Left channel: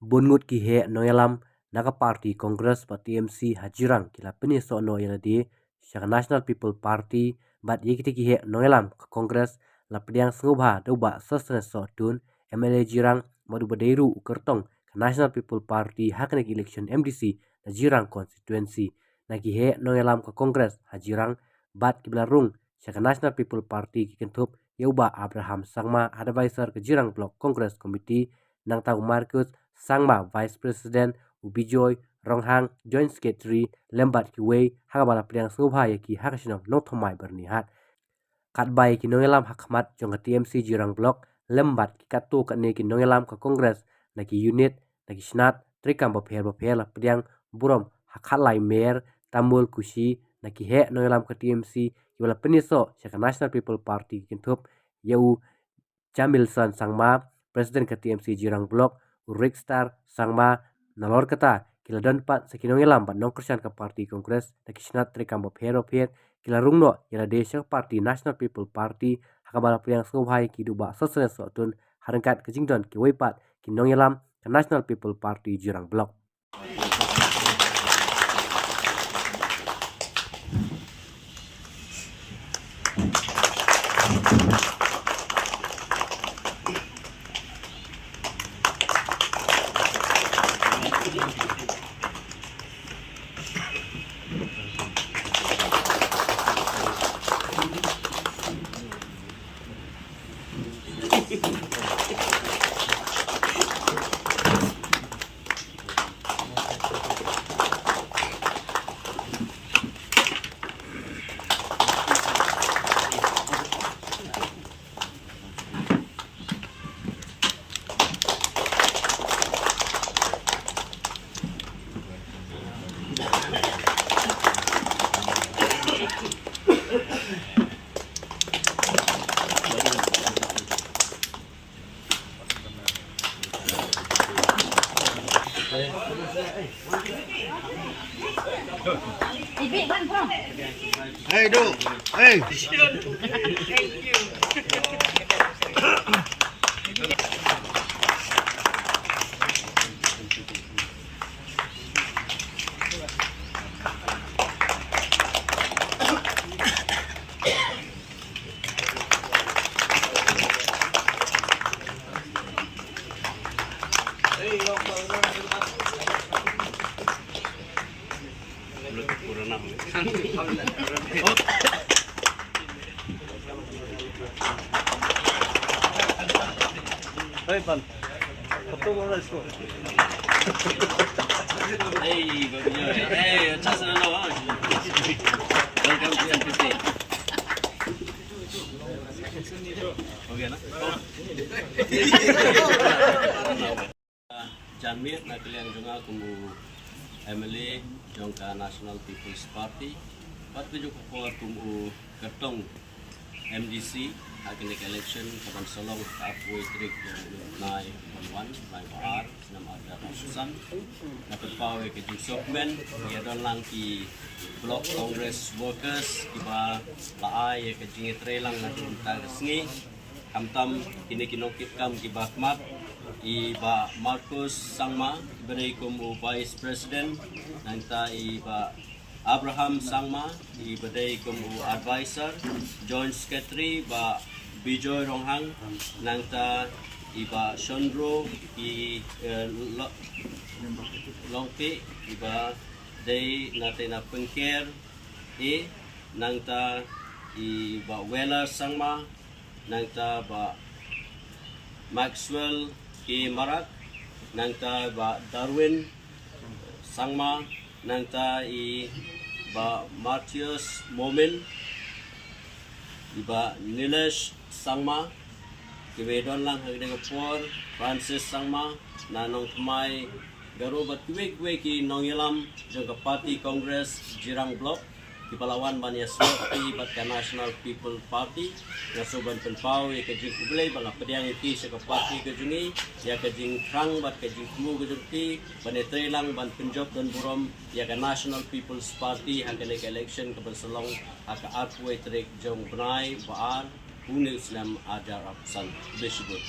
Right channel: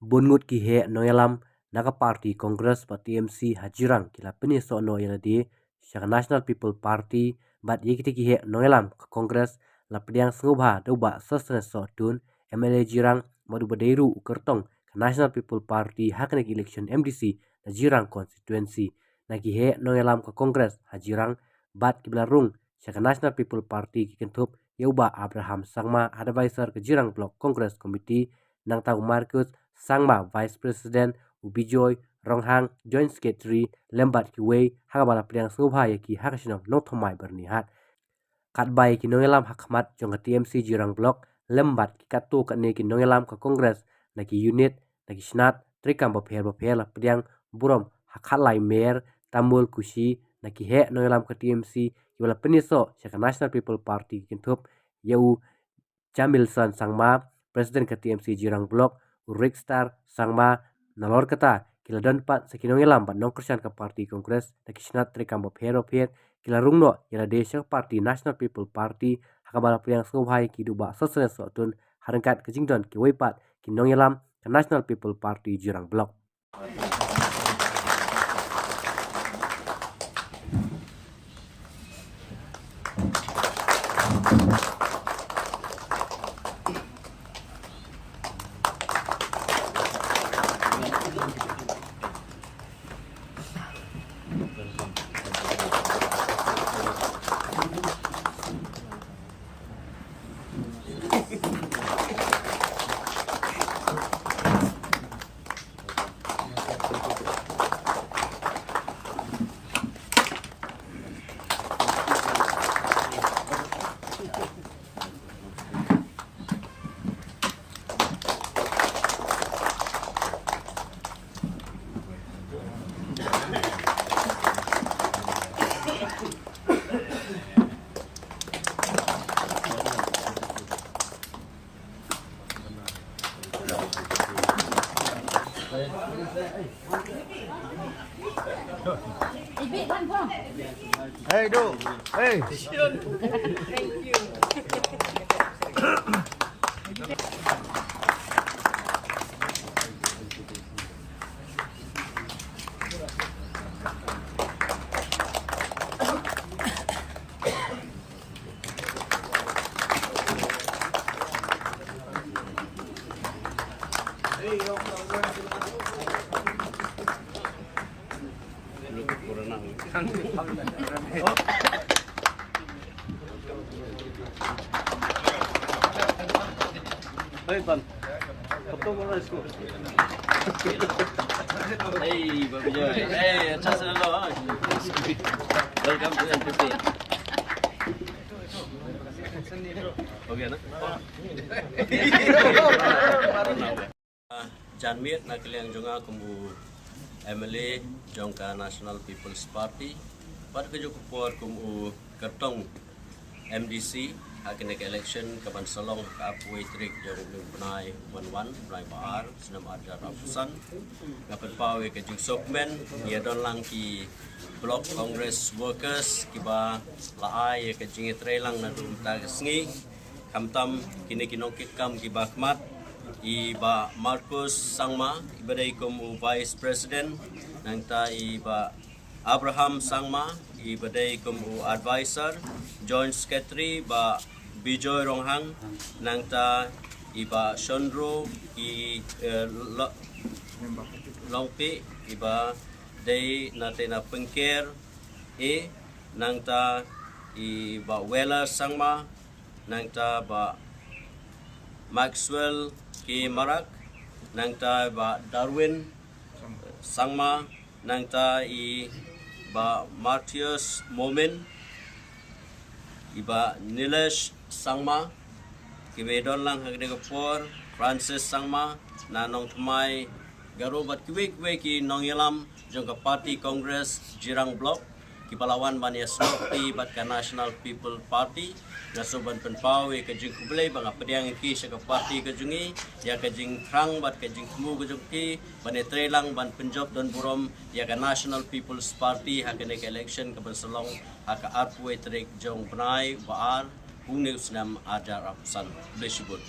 Bungut ki he noyalam naga party Congress pa TMC hajirang kila peni so no yana di Shaka National People Party bat yekiti ki he noyalam ka Congress la pediang sengubha doba sosne so tun MLA jirang madu badeiru ukertong ka National People Party haknek election MDC na jirang constituency na ki he noyalam ka Congress hajirang bat kiblarung Shaka National People Party ki kentup Yauba Abraham Sangma advisor ke jirang block Congress Committee nang tahu Marcus Sangma Vice President Ubijoy Ronghang Joint Secretary Lembat Kiwei hakabala pediang sengubha yaki hakasino nothomai bernihat katbai ki nongelam hakmat jong TMC jirang block lembat ki katu katne ki nongelam ka Congress na ki unit na ki snat trikam bapher la pediang burom hakalai mer tamul kushi na ki he nongelam ka TMC ki wala peniso Shaka National People Party kintup yau Jamilson Sangma Presiden ke TMC jirang block Rikstar Sangma nalor kata kila dan pat sekinong ilam pat nong kersian ke parti Kongres na kisnat trikam bapher kila rungno yala desya parti National People Party hakabala pediang sengubhai ki duba sosne sotun harangkat kejingdon ki weipat ki nong ilam ke National People Party jirang block. Hey, do. Hey. Thank you. Hey, Babi Joy. Hey, atas dulu. Welcome to NPP. Okay na? Janmir na kalian juga kumu MLA jongka National People's Party. Pat kejuk kuat kumu kertong MDC akinek election kapan salong kaapui trik jong benai banwan benai baar senam ada ratusan dapat pawe kejing sokmen ya don lang ki block Congress workers kiba laai ya kejing trelang na dun tagsngi kamtam kini kinokit kam kiba khmat iba Marcus Sangma ibadai kumu Vice President nanta iba Abraham Sangma ibadai kumu advisor Joint Secretary ba Bijoy Ronghang nangta iba Shondro i longpi iba day natin na pengker nangta iba Wela Sangma nangta ba Maxwell ki Marak nangta ba Darwin Sangma nangta iba Martius Momin iba Nilesh Sangma kibedon lang hagde kapor Francis Sangma nanong tumay garubat kiwek ki nong yalam jong ka party Congress jirang block kipalawan banya slopi bat ka National People Party nasuban penpawe ka jing kublay mga pediang iti sa ka party ka jungi ya ka jing krang bat ka jing kumu ka jungti banetre lang ban penjob don burom ya ka National People's Party hagde ka election ka bansalong haka atwe trek jong benai baar News nam ajar apsan besibut.